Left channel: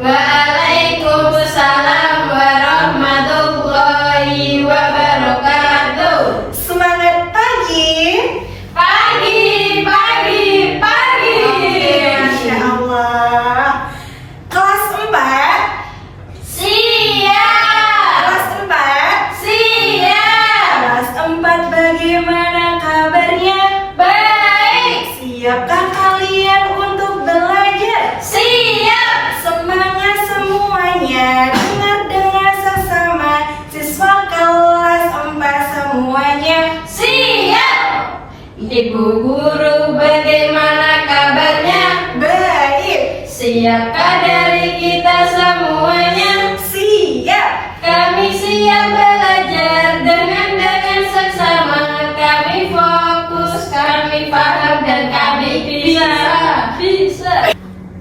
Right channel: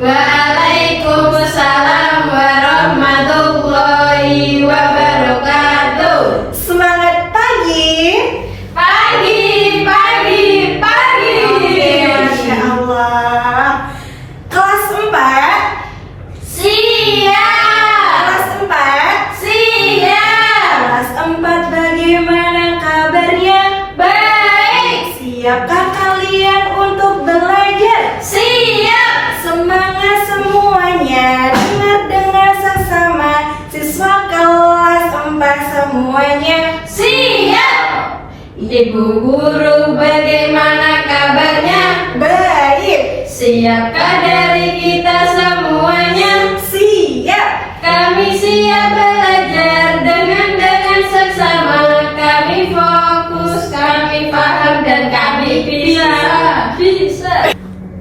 Waalaikumsalam warahmatullahi wabarakatuh. Semangat pagi. Pagi. Masya Allah. Kelas 4. Siap. Kelas 4. Siap. Kelas 4 bagaimana kabarnya? Baik. Siapkah kalian untuk belajar? Siap. Semangat semuanya. Dengar sesama siswa kelas 4 semuanya. Siap. Ibu guru bagaimana kabarnya? Baik. Siapkah dari kita semuanya? Siap. Kami siap belajar dengan seksama. Kami fokus, kami paham dan kami bisa.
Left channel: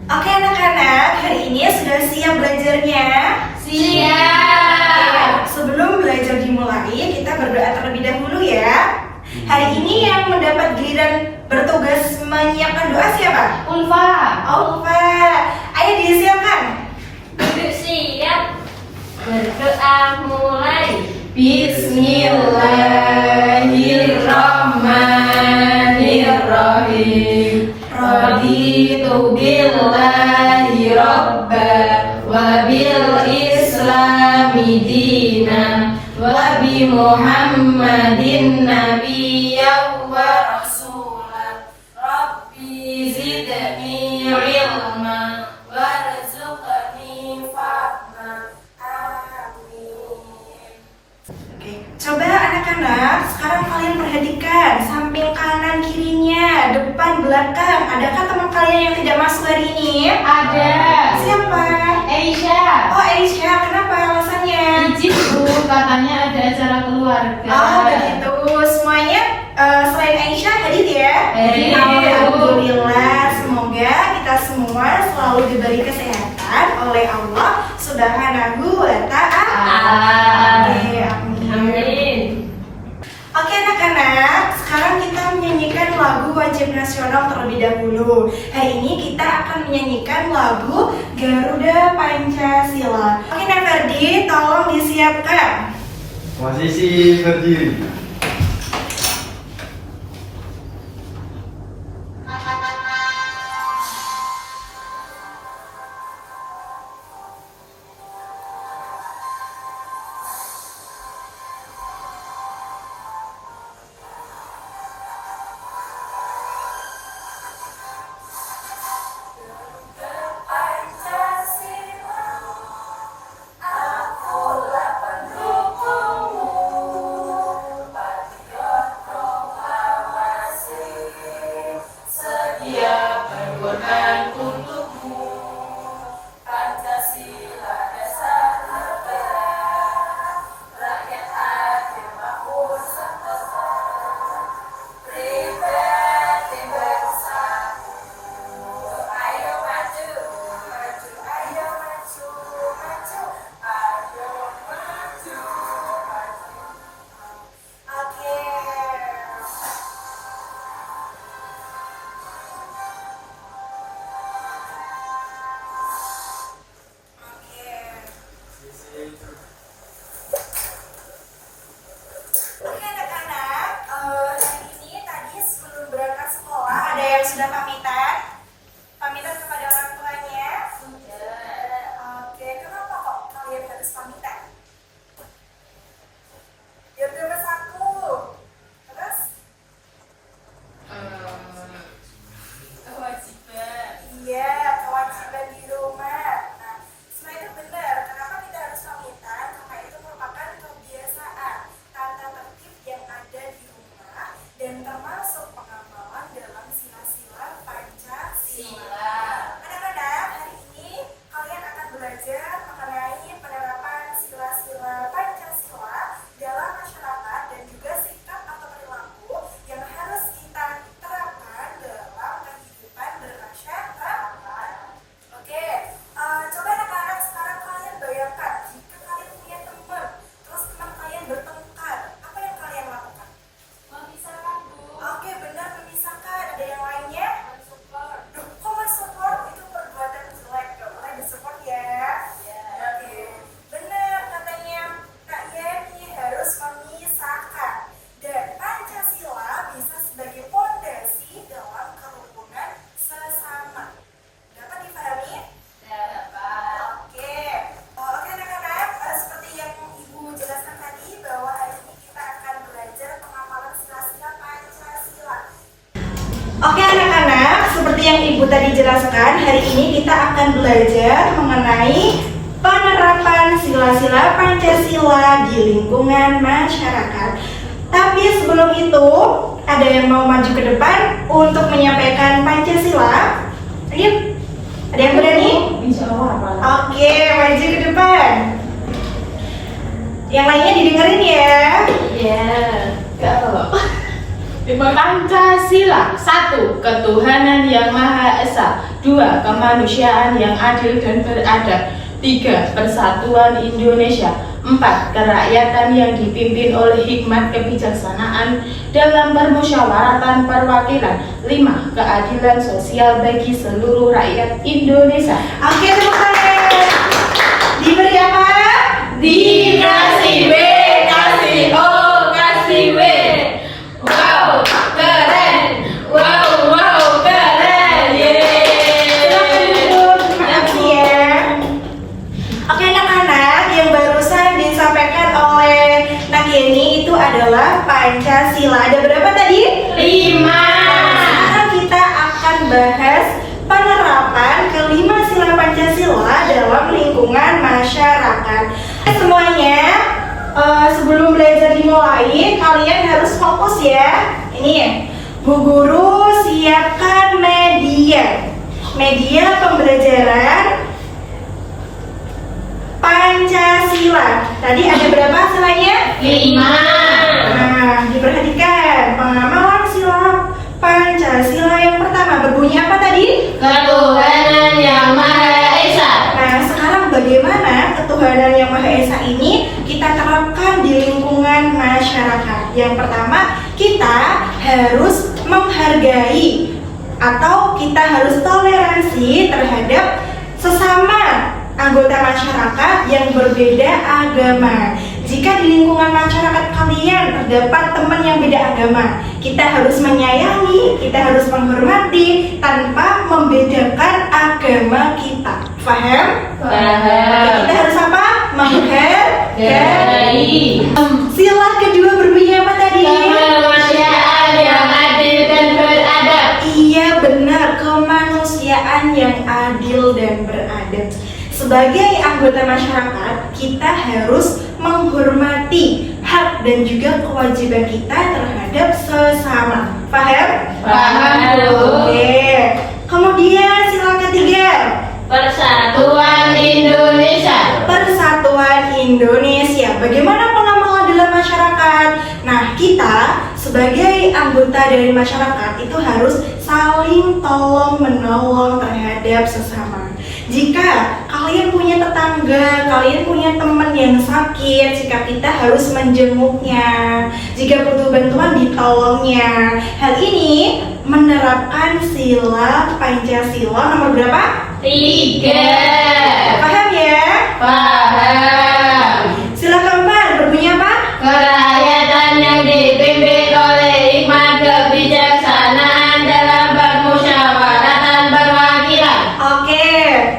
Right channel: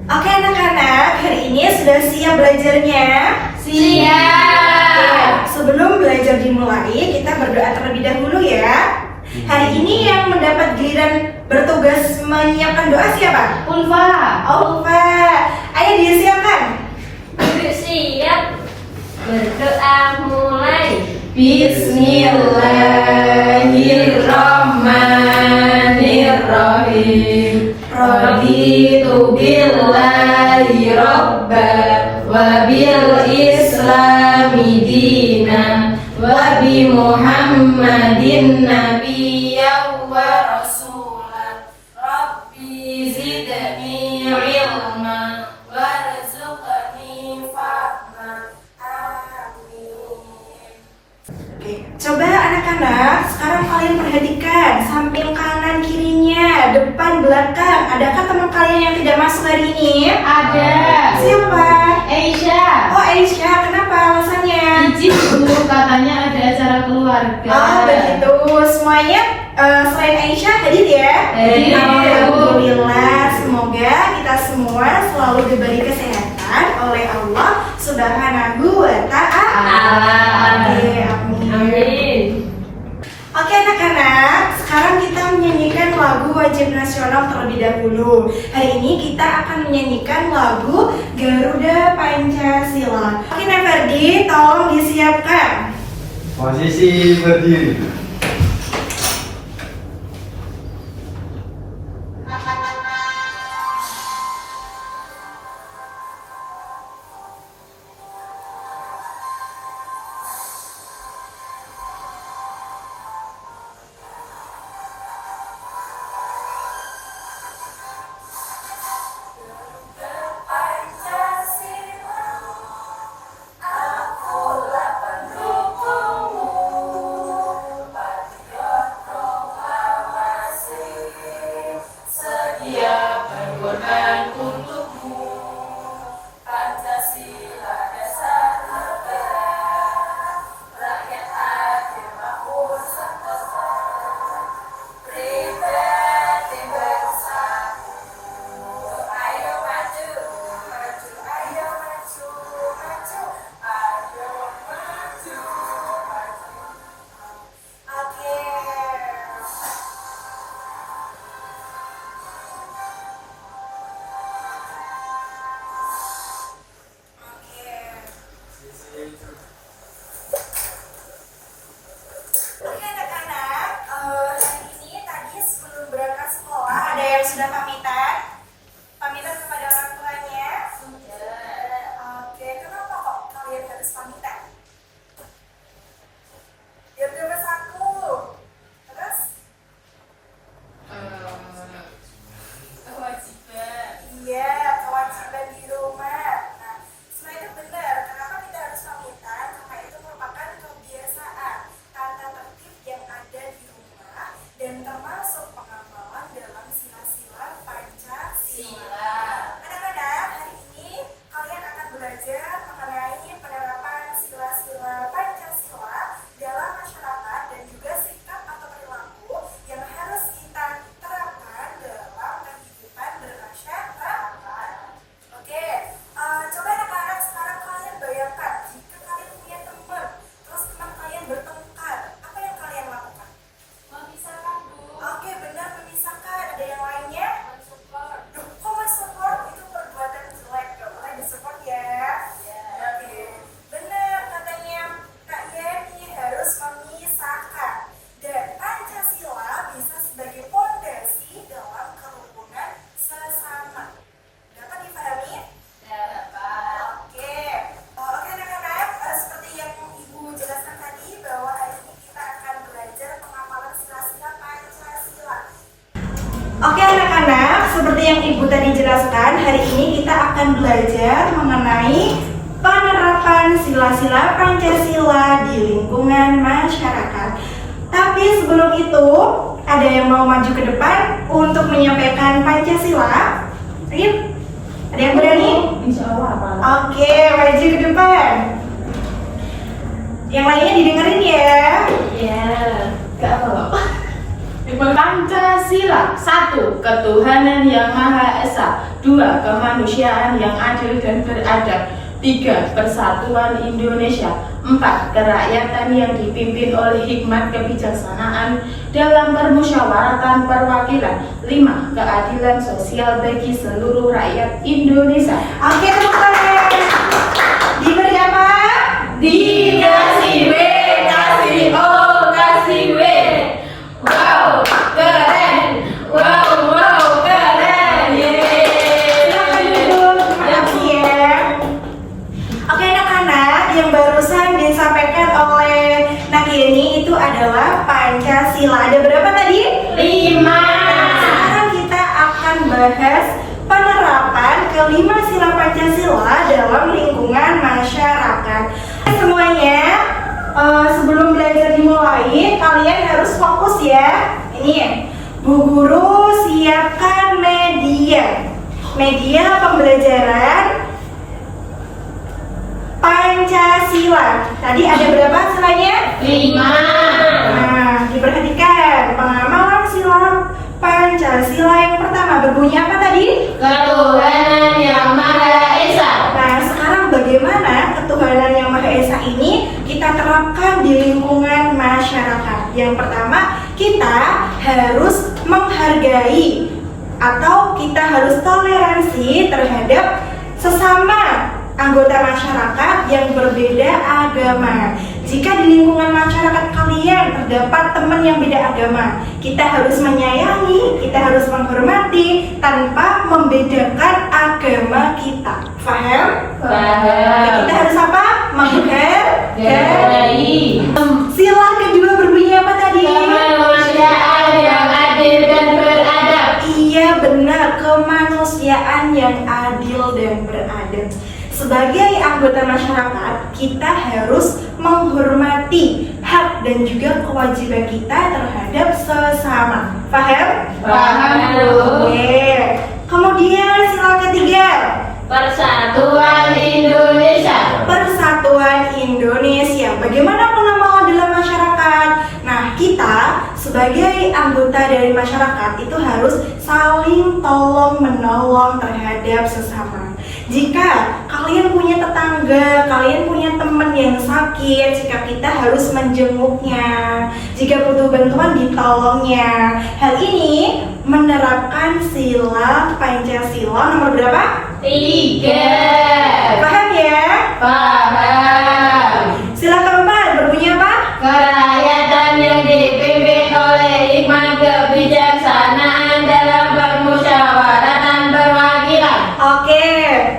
Oke anak-anak, hari ini sudah siap belajarnya? Siap. Sebelum belajar dimulai, kita berdoa terlebih dahulu ya. Hari ini yang mendapat giliran bertugas menyiapkan doa siapa? Ulfa. Ulfa. Ayo disiapkan. Siap. Berdoa mulai. Bismillahirrahmanirrahim. Raditu billahi rabba wa bil islami dinan wa bi Muhammadin nabiyyan wa rasulan. Rabbi zidni ilma warzuqni fahma. Oke, coba anak-anak, sekarang kalian perhatikan samping kanan kirinya, depan belakang. Adakah teman kalian yang tidak masuk hari ini? Ada. Siapa? Aisyah. Oh Aisyah, kenapa alasannya? Izin Bu, katanya ada acara keluarga. Oh begitu, semuanya selain Aisyah hadir ya? Hadir. Alhamdulillah, semoga kita semua selalu diberi kesehatan oleh Allah Subhanahu wa Ta'ala. Oke, amin. Amin. Oke anak-anak, sekarang kita menyanyikan lagu wajib nasional terlebih dahulu. Hari ini kita akan menyanyikan lagu Garuda Pancasila. Oke Neverdi, tolong disiapkan. Posisi berdiri. tadi jelaskan, hari ini kita akan belajar mengenai penerapan sila-sila Pancasila di lingkungan masyarakat. Tapi sebelum itu, ada yang mau maju ke depan untuk menyampaikan Pancasila? Ayo, ada yang berani? Oke, maju ke depan. Yang lainnya didengerin ya. Ya, kalau Pancasila 1. Ketuhanan yang Maha Esa. 2. Kemanusiaan yang adil dan beradab. 3. Persatuan Indonesia. 4. Kerakyatan yang dipimpin oleh hikmat kebijaksanaan dalam permusyawaratan perwakilan. 5. Keadilan sosial bagi seluruh rakyat Indonesia. Oke, tepuk tangan. Diberi apa? Dikasih W, kasih O, kasih W. Wow, keren. Wow, keren. Silakan duduk. Terima kasih ya. Oke anak-anak, yang barusan disampaikan oleh Nakieni itu adalah Pancasila. Ada berapa tadi? 5. Sekarang kita akan bahas penerapan kelima sila Pancasila dalam lingkungan masyarakat. Semuanya, sebelum belajar dimulai, kalian harus fokus ya. Ini ya, Bu Guru siapkan media pembelajaran Pancasila. Tadi ada berapa silanya? 5. Nah, diperhatikan pengamalan sila Pancasila yang pertama berbunyi apa tadi? Ketuhanan yang Maha Esa. Nah, sekarang bagaimana ketuhanan yang Maha Esa ini kita terapkan di lingkungan masyarakat? Yang pertama, kita harus menghargai atau kita harus toleransi terhadap sesama anggota masyarakat yang berbeda agama. Jika di lingkungan masyarakat kalian terdapat teman yang beda agama, kita harus menyayangi, kita harus menghormati tanpa membedakan agama kita. Paham? Paham. Kita harus apa? Menghargai. Sila kedua berbunyi apa tadi? Kemanusiaan yang adil dan beradab. Iya benar, kemanusiaan yang adil dan beradab. Sebagai anggota masyarakat, kita harus menghormati hak dan juga kewajiban kita terhadap sesama. Paham? Paham, Bu. Oke. Kemudian sila ketiga, Persatuan Indonesia. Persatuan Indonesia. Bagaimana pengamalan dalam masyarakat? Nah, kita sebagai anggota dari masyarakat itu harus saling tolong menolong terhadap sesama. Jika kalian punya tetangga, kalian punya teman yang sakit, jika kita harus menjenguknya, jika butuh bantuan ditolongnya. Hal ini menerapkan sila Pancasila nomor berapa? 3. Paham ya? Paham. Sila keempat berbunyi apa? Kerakyatan yang dipimpin oleh hikmat kebijaksanaan dalam permusyawaratan perwakilan. Oke,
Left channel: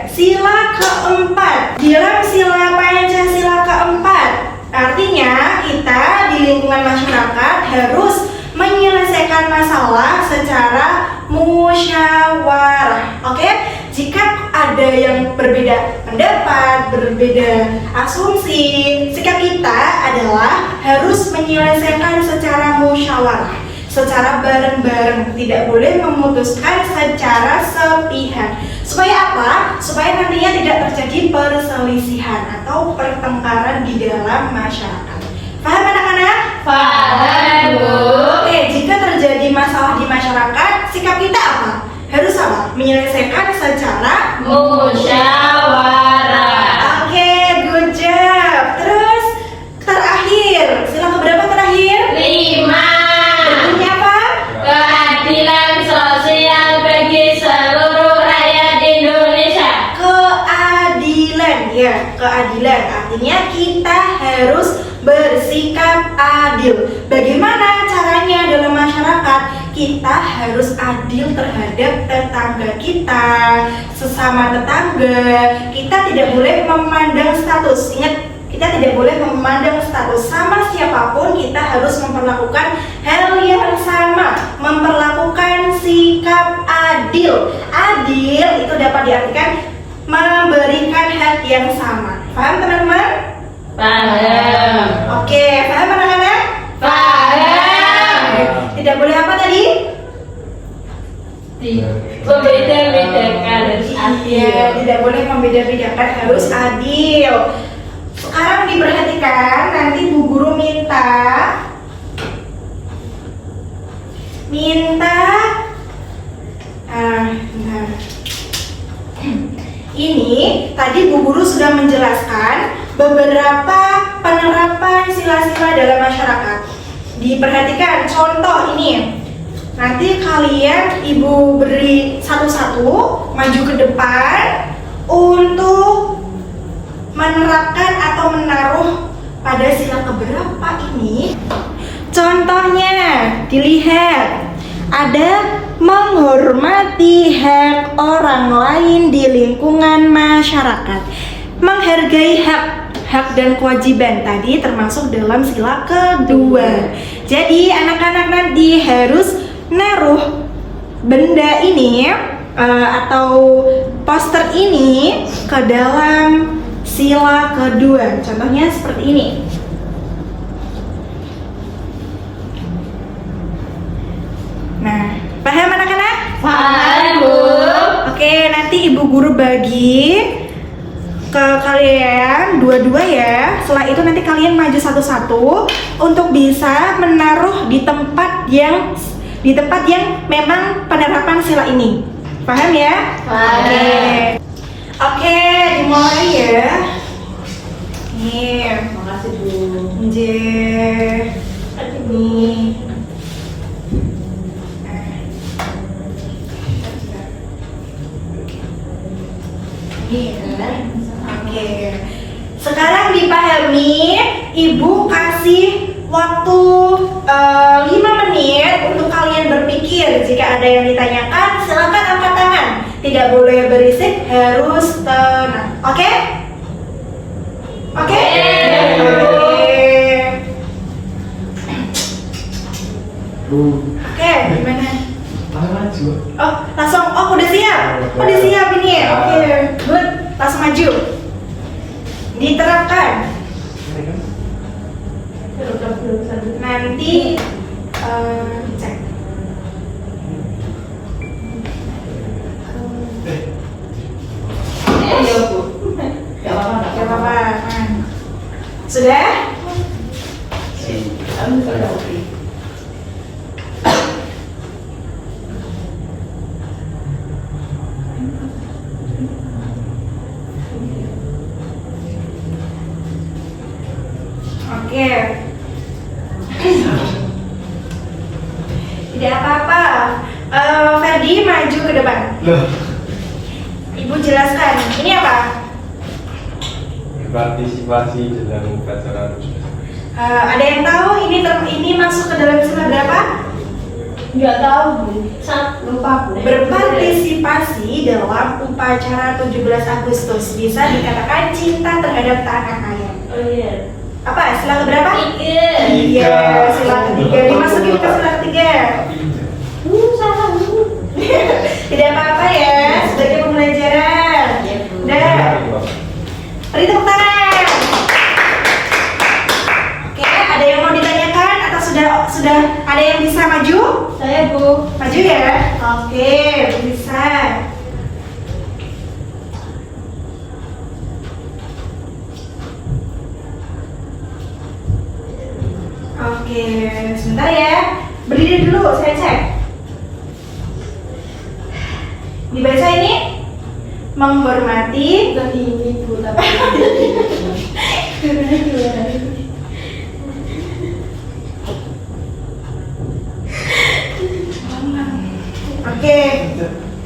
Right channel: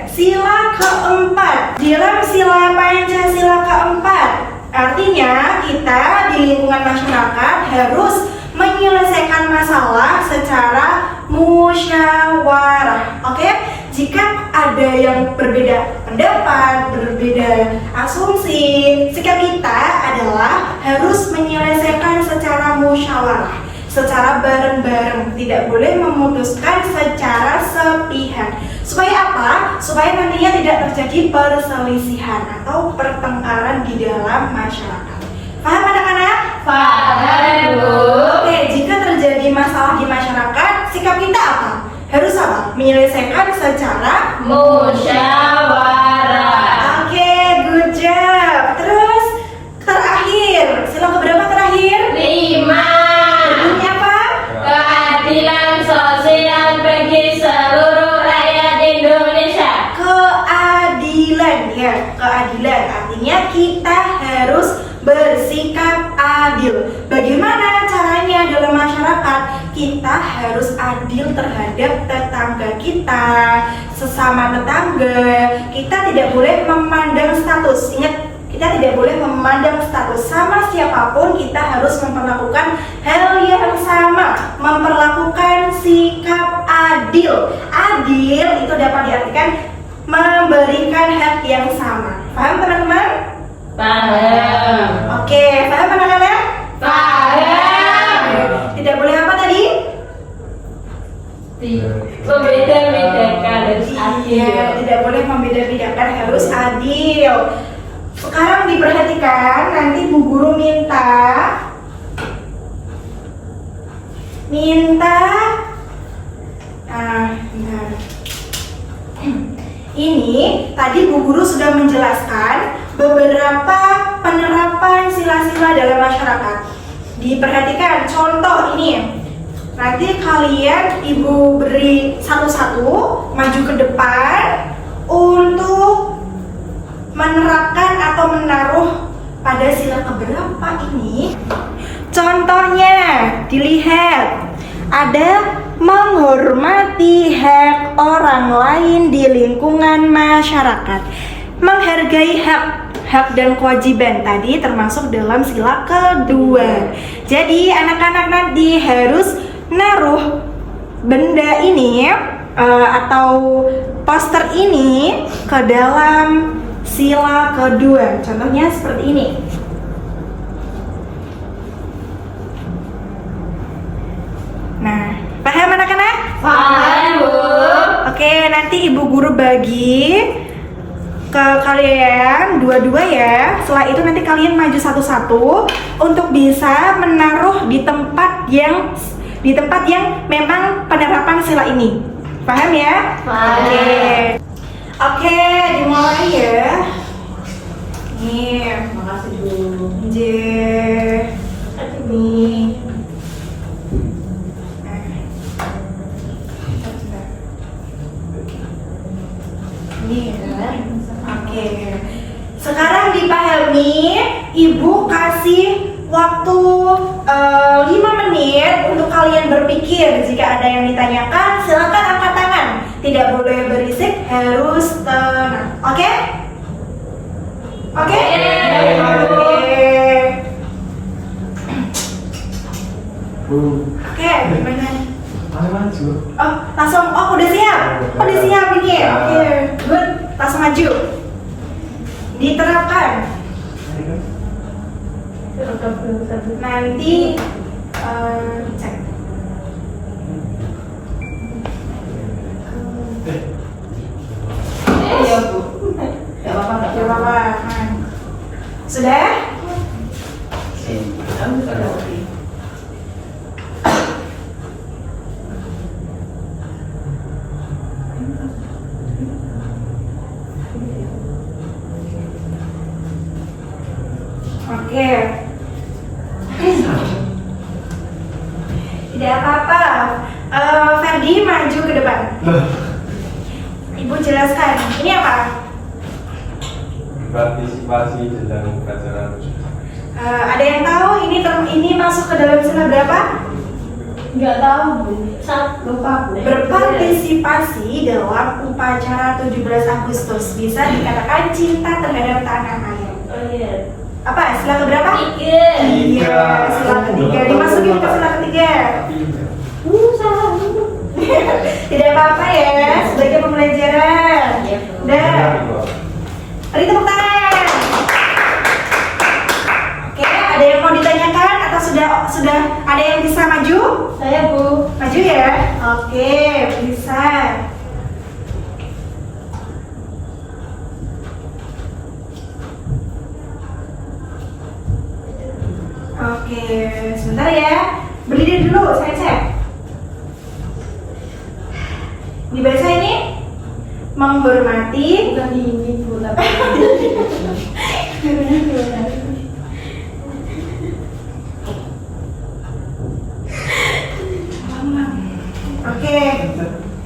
sila keempat dalam sila Pancasila keempat, artinya kita di lingkungan masyarakat harus menyelesaikan masalah secara musyawarah. Oke, jika ada yang berbeda pendapat, berbeda asumsi, sikap kita adalah harus menyelesaikan secara musyawarah, secara bareng-bareng, tidak boleh memutuskan secara sepihak. Supaya apa? Supaya nantinya tidak terjadi perselisihan atau pertengkaran di dalam masyarakat. Paham anak-anak? Paham, Bu. Oke, jika terjadi masalah di masyarakat, sikap kita apa? Harus apa? Menyelesaikan secara Musyawarah. Oke, good job. Terus terakhir, sila keberapa terakhir? 5. Bunyi apa? Keadilan sosial bagi seluruh rakyat Indonesia. Keadilan ya, keadilan artinya kita harus bersikap adil. Bagaimana caranya dalam masyarakat? Kita harus adil terhadap tetangga kita, sesama tetangga. Kita tidak boleh memandang status. Ingat, Kita tidak boleh memandang status sama siapapun, kita harus memperlakukan hal yang sama, memperlakukan sikap adil. Adil itu dapat diartikan memberikan hak yang sama. Paham teman-teman? Paham. Oke, paham anak-anak? Paham. Tidak boleh apa tadi? Membeda-bedakan harus adil. Iya, tidak boleh membeda-bedakan, harus adil. Sekarang diperhatikan, nanti Bu Guru minta bentar. Ini tadi Bu Guru sudah menjelaskan beberapa penerapan sila-sila dalam masyarakat. Diperhatikan contoh ini. Nanti kalian Ibu beri satu-satu maju ke depan untuk menerapkan atau menaruh pada sila keberapa ini. Contohnya dilihat, ada menghormati hak orang lain di lingkungan masyarakat. Menghargai hak dan kewajiban tadi termasuk dalam sila kedua. Jadi anak-anak nanti harus naruh benda ini atau poster ini ke dalam sila kedua. Contohnya seperti ini. Nah, paham anak-anak? Paham, Bu. Oke, nanti Ibu Guru bagi ke kalian dua-dua ya. Setelah itu nanti kalian maju satu-satu untuk bisa menaruh di tempat yang memang penerapan sila ini. Paham ya? Paham. Oke, dimulai ya. Nih, Makasih, Bu. nih. Oke. Sekarang dipahami, Ibu kasih waktu 5 menit untuk kalian berpikir. Jika ada yang ditanyakan, silakan angkat tangan. Tidak boleh berisik, harus tenang. Oke? Oke? Oke, gimana? Oh, langsung. Oh, udah siap. Oh, udah siap ini. Oke, good. Langsung maju. Diterapkan. Nanti cek. Iya, Bu. Gak apa-apa, Gak apa-apa. Sudah? Oke. Tidak apa-apa. Ferdi maju ke depan. Ibu jelaskan. Ini apa? Partisipasi dalam upacara. Ada yang tahu ini masuk ke dalam sila berapa? Nggak tahu, Bu. Lupa, Bu. Berpartisipasi dalam upacara 17 Agustus bisa dikatakan cinta terhadap tanah air. Oh iya. Apa? Sila keberapa? 3. Iya, sila ketiga. Dimasukin ke sila ketiga. Salah, Bu. Tidak apa-apa ya, sebagai pembelajaran. Iya, Bu. Dan beri tepuk tangan. Oke, ada yang mau ditanyakan atau sudah ada yang bisa maju? Saya, Bu. Maju ya. Oke, bisa. Oke, sebentar ya. Berdiri dulu, saya cek. Dibaca ini menghormati. Bukan ini, Bu, tapi Oke,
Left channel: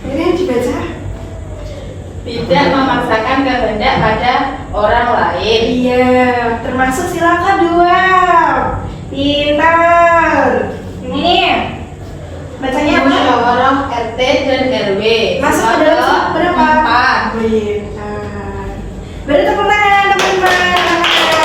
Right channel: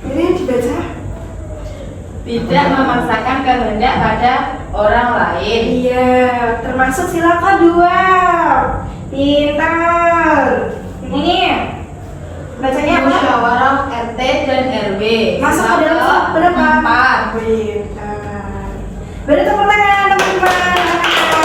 ini dibaca. tidak memaksakan kehendak pada orang lain. Iya, termasuk sila kedua. Pintar. Ini nih. Bacanya apa? Musyawarah RT dan RW. Masuk ke dalam sila berapa? 4. Pintar. Beri tepuk tangan teman-teman.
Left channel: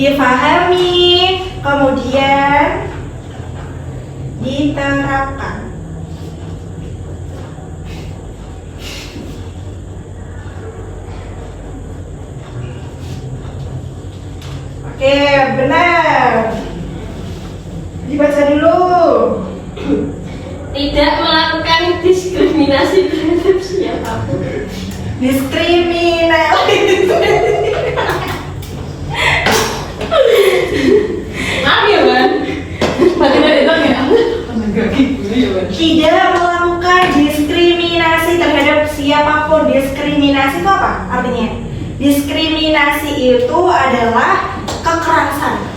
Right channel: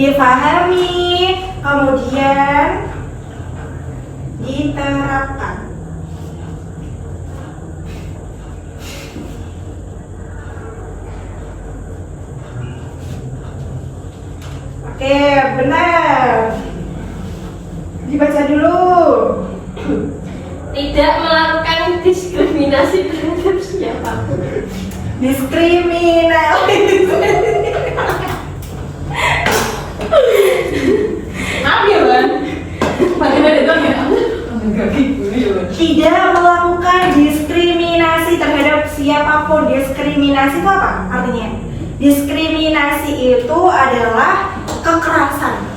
difahami, kemudian diterapkan. Oke, benar. Dibaca dulu. Tidak melakukan diskriminasi terhadap siapapun. Diskriminasi. Maaf ya, Bang. Bagaimana dong ya? Enggak gitu ya, Bang. Tidak melakukan diskriminasi terhadap siapapun. Diskriminasi itu apa artinya? Diskriminasi itu adalah kekerasan.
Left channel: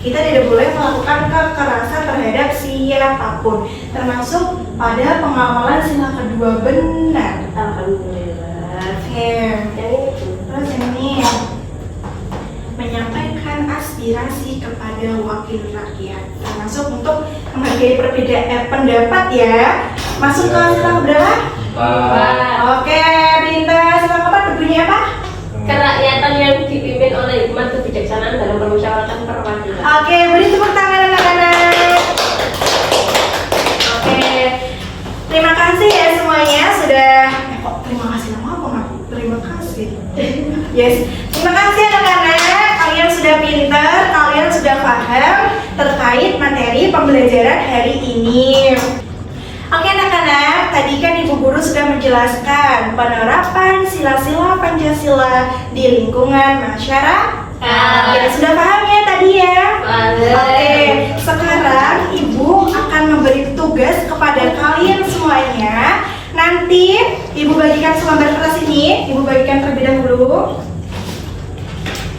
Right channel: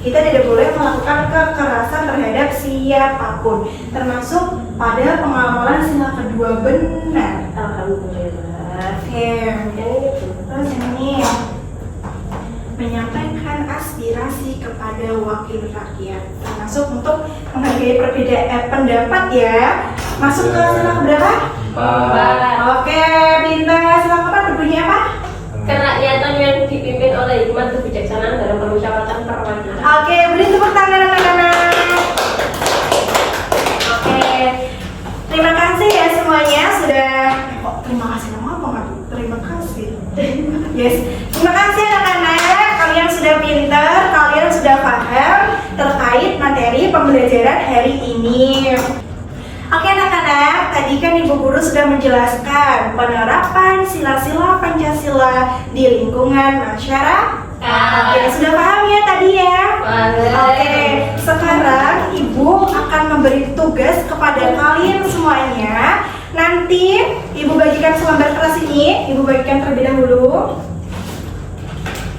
Kita tidak boleh melakukan kekerasan terhadap siapapun, termasuk pada pengamalan sila kedua benar. Alhamdulillah. Oke. Terus ini menyampaikan aspirasi kepada wakil rakyat, termasuk untuk menghargai perbedaan pendapat ya. Masuk ke sila berapa? Oke, bintang sila keempat berbunyi apa? Kerakyatan yang dipimpin oleh hikmat kebijaksanaan dalam permusyawaratan perwakilan. Oke, beri tepuk tangan anak-anak. Oke, terima kasih ya semuanya sudah. Kok terima kasih lama apa nggak? Terima kasih. Yes, terima kasih anak-anak. Kalian sudah pintar, kalian sudah paham terkait materi pembelajaran hari ini. Oke anak-anak, tadi kan Ibu Guru sudah menjelaskan penerapan sila-sila Pancasila di lingkungan masyarakat. Ya, sudah paham ya tadi ya? Oke, sekarang Ibu akan memberi tugas kepada kalian semuanya. Nanti Ibu bagikan selembar kertas ini, Ibu bagikan terlebih dahulu.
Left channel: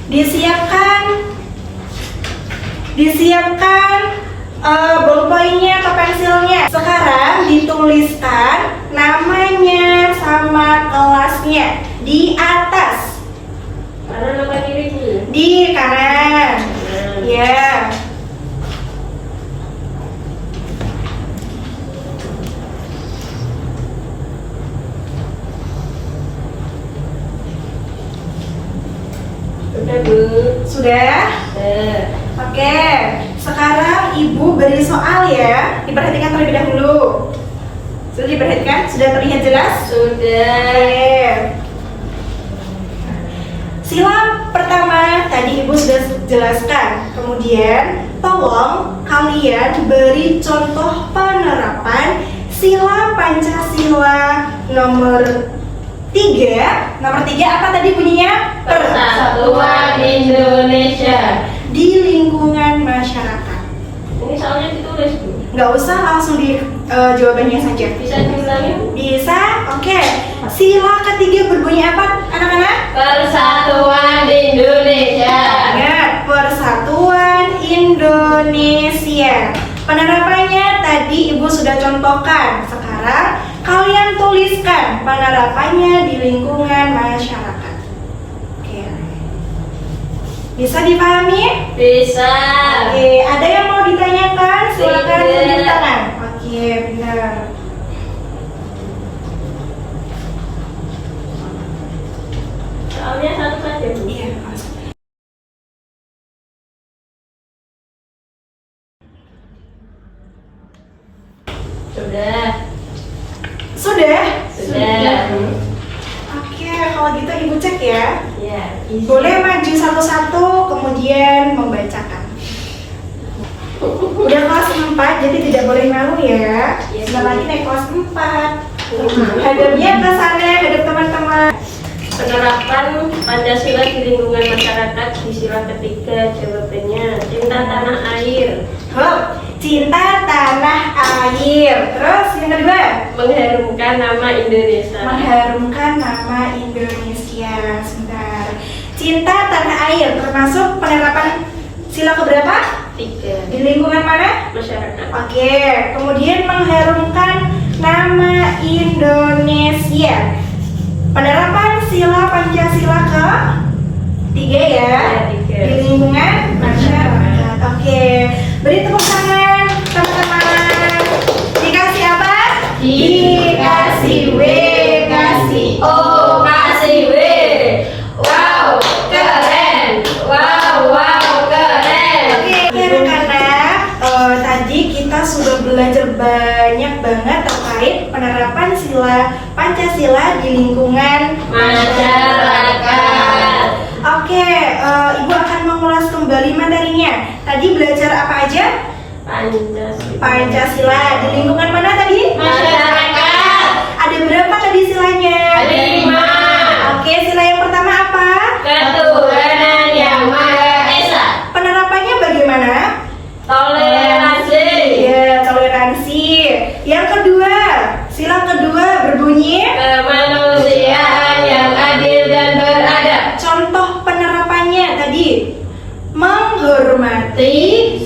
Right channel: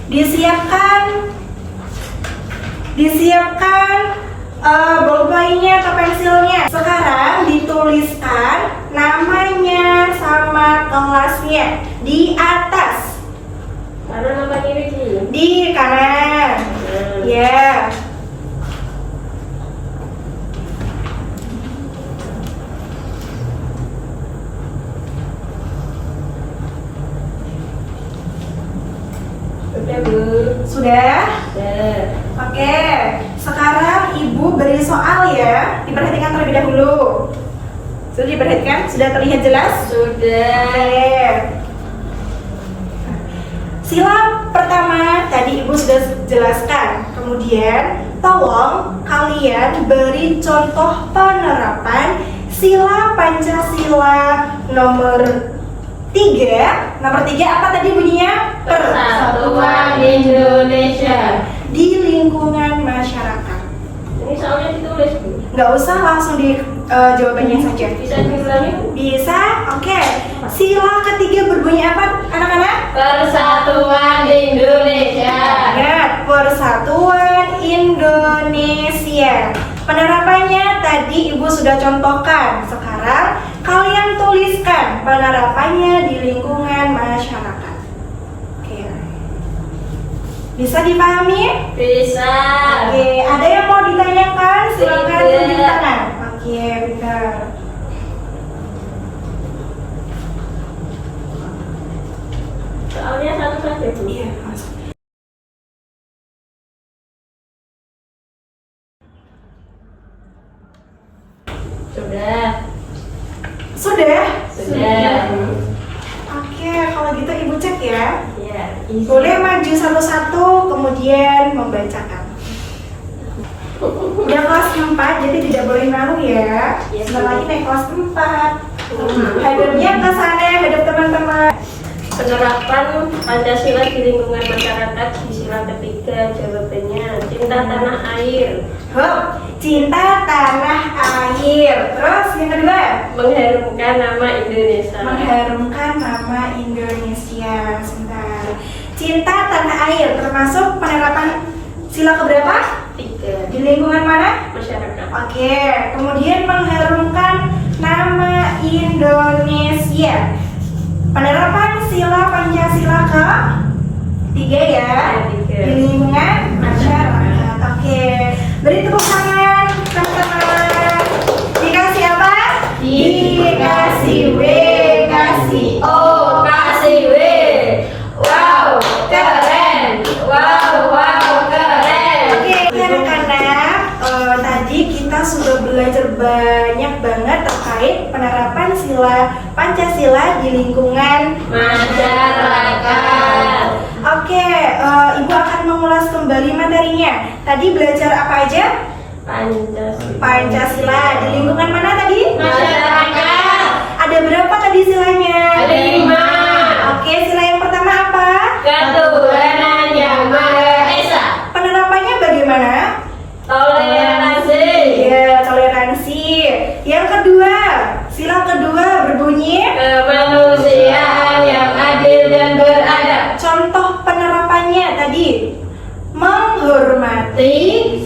Disiapkan ballpointnya atau pensilnya. Sekarang dituliskan namanya sama kelasnya di atas. Kanan apa kiri sih? Di kanan. Ya. Sudah, Bu. Sudah? Sudah. Oke. Sekarang Ibu beri soal ya. Diperhatikan terlebih dahulu. Sudah diperhatikan? Sudah terlihat jelas? Sudah. Oke. Sila pertama tadi Ibu sudah jelaskan. Kemudian tolong kalian beri contoh penerapan sila Pancasila nomor 3. Nomor 3 apa tadi bunyinya? Persatuan Indonesia di lingkungan masyarakat. Ini soalnya ditulis, Bu. Nggak usah, langsung di jawabannya saja. Bisa diulangi? Bisa? Oke. Sila ketiga berbunyi apa anak-anak? Persatuan Indonesia. Ingat, Persatuan Indonesia. Penerapannya tadi Ibu sudah contohkan. Sekarang kalian tuliskan penerapannya di lingkungan masyarakat. Oke. Bisa dipahami? Bisa. Oke, ada yang mau ditanyakan? Silakan Tidak. tunjuk tangan. Oke, benar. Soalnya satu saja, Bu. Iya. Sudah. Sudah? Sudah. Oke, kalau gitu Ibu cek ya. Ya. Boleh maju satu-satu kemudian membacakan. Udah kelas 4 jadi tidak boleh malu ya. Iya, Sebentar Bu. lagi naik kelas 4. Hadapnya ke sana, hadap teman-teman. Penerapan Pancasila di lingkungan masyarakat di sila ketiga, jawabannya cinta tanah air, Hop, cinta tanah air. Terus yang kedua, mengharumkan nama Indonesia. mengharumkan nama Indonesia. Sebentar. Cinta tanah air termasuk penerapan sila keberapa? 3. Di lingkungan mana? Masyarakat. Oke, kemudian mengharumkan nama Indonesia. Penerapan sila Pancasila ke 3 ya. Tiga. Di lingkungan masyarakat. Oke, beri tepuk tangan teman-teman. Dikasih apa? Dikasih W, kasih O, kasih W. Wow, keren. Wow, wow, belajar banyak banget terkait penerapan sila Pancasila di lingkungan masyarakat. Oke, Ibu akan mengulas kembali materinya. Tadi belajar apa aja? Pancasila. Di lingkungan mana tadi? Masyarakat. Ada berapa tadi silanya? Ada 5. Oke, sila yang pertama apa? Ketuhanan yang Maha Esa. Penerapannya bagaimana? Toleransi. Ya, toleransi. Yang kedua, sila kedua berbunyi Kemanusiaan yang adil dan beradab. contoh penerapannya tadi menghormati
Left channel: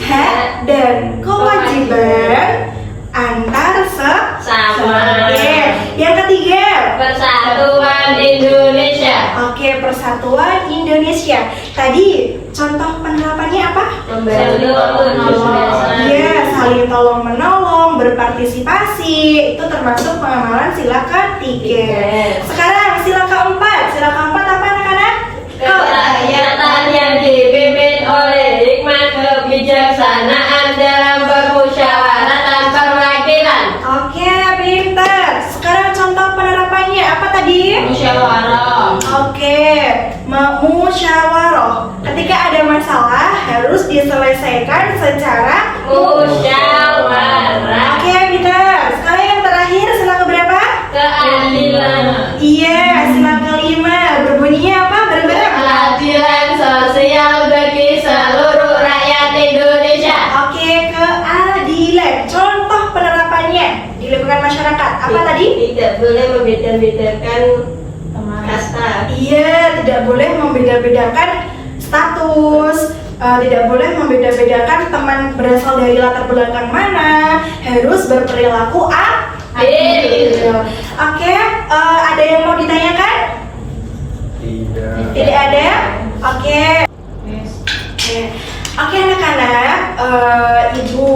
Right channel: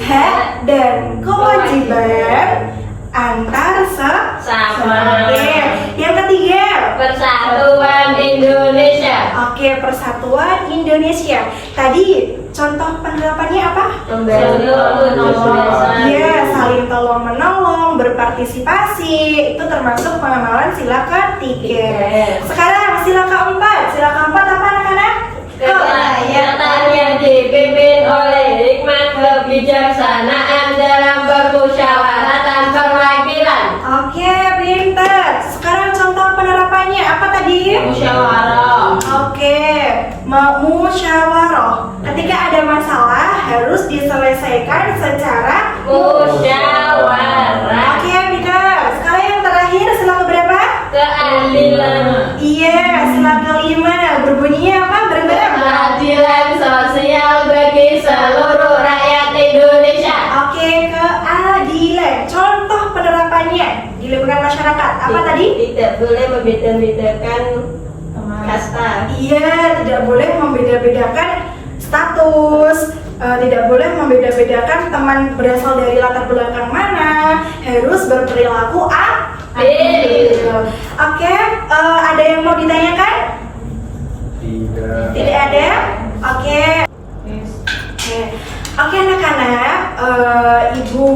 hak dan kewajiban antar Sama. Oke, yang ketiga. Persatuan Indonesia. Oke, persatuan Indonesia. Tadi contoh penerapannya apa? Saling menolong. Ya, saling tolong menolong, berpartisipasi. Itu termasuk pengamalan sila ketiga. Sekarang sila keempat. Sila keempat apa anak-anak? Kerakyatan yang dipimpin oleh hikmat kebijaksanaan dalam permusyawaratan perwakilan. Oke, pinter. Sekarang contoh penerapannya apa tadi? Musyawarah. Oke, musyawarah. Ketika ada masalah harus diselesaikan secara Musyawarah. Oke, pinter. Sekarang yang terakhir sila keberapa? Keadilan. Iya, sila kelima. Berbunyinya apa? Bareng-bareng. Keadilan sosial bagi seluruh rakyat Indonesia. Oke, keadilan. Contoh penerapannya di lingkungan masyarakat. Apa tadi? Tidak boleh membeda-bedakan kasta. Iya, tidak boleh membeda-bedakan status, tidak boleh membeda-bedakan teman berasal dari latar belakang mana, harus berperilaku adil. Oke, ada yang mau ditanyakan? Tidak. Tidak ada? Oke. Oke anak-anak, Ibu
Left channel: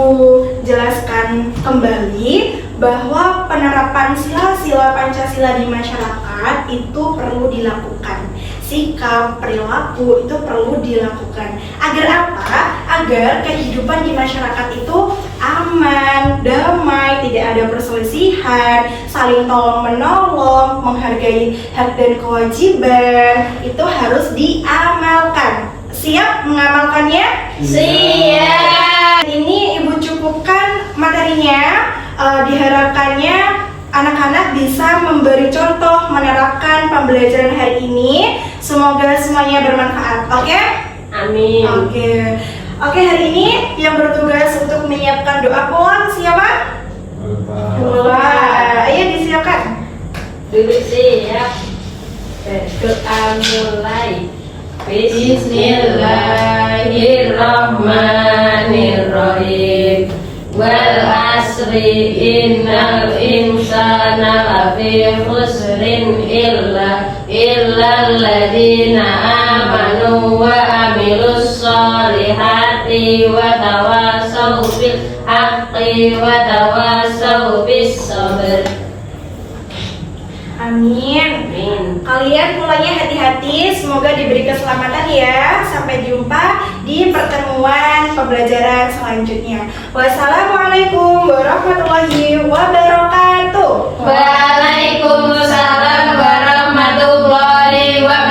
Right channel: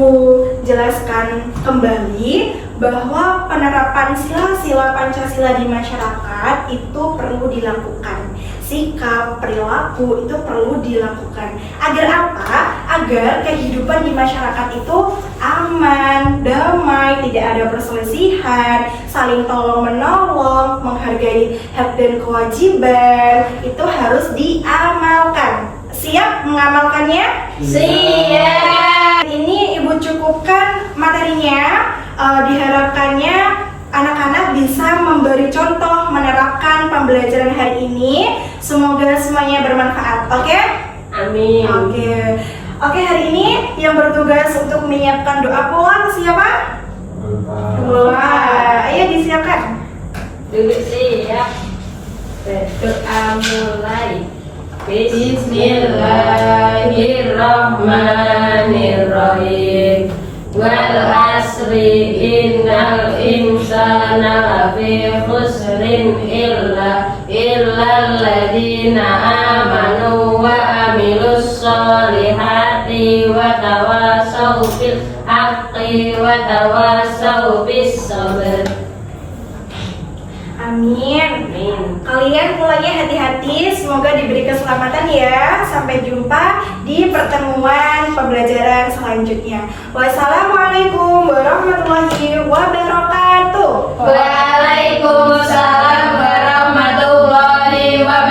jelaskan kembali bahwa penerapan sila-sila Pancasila di masyarakat itu perlu dilakukan. Sikap, perilaku itu perlu dilakukan. Agar apa? Agar kehidupan di masyarakat itu aman, damai, tidak ada perselisihan, saling tolong menolong, menghargai hak dan kewajiban, itu harus diamalkan. Siap mengamalkannya? Siap. Ini Ibu cukupkan materinya. Diharapkannya anak-anak bisa memberi contoh menerapkan pembelajaran hari ini. Semoga semuanya bermanfaat. Oke? Amin. Oke, hari ini yang bertugas untuk menyiapkan doa pulang siapa? Wah, ayo disiapkan. Duduk siap. Berdoa mulai. Bismillahirrahmanirrahim. Wal asri innal insana lafi khusrin illa alladziina amanu wa amilus solihati wa tawassaw bil haqqi wa tawassaw bis sabr. Amin. Kalian mulainya hati-hati, semoga diberi keselamatan ya. Sampai jumpa di pertemuan pembelajaran selanjutnya. Wassalamualaikum warahmatullahi wabarakatuh. Waalaikumsalam warahmatullahi wabarakatuh.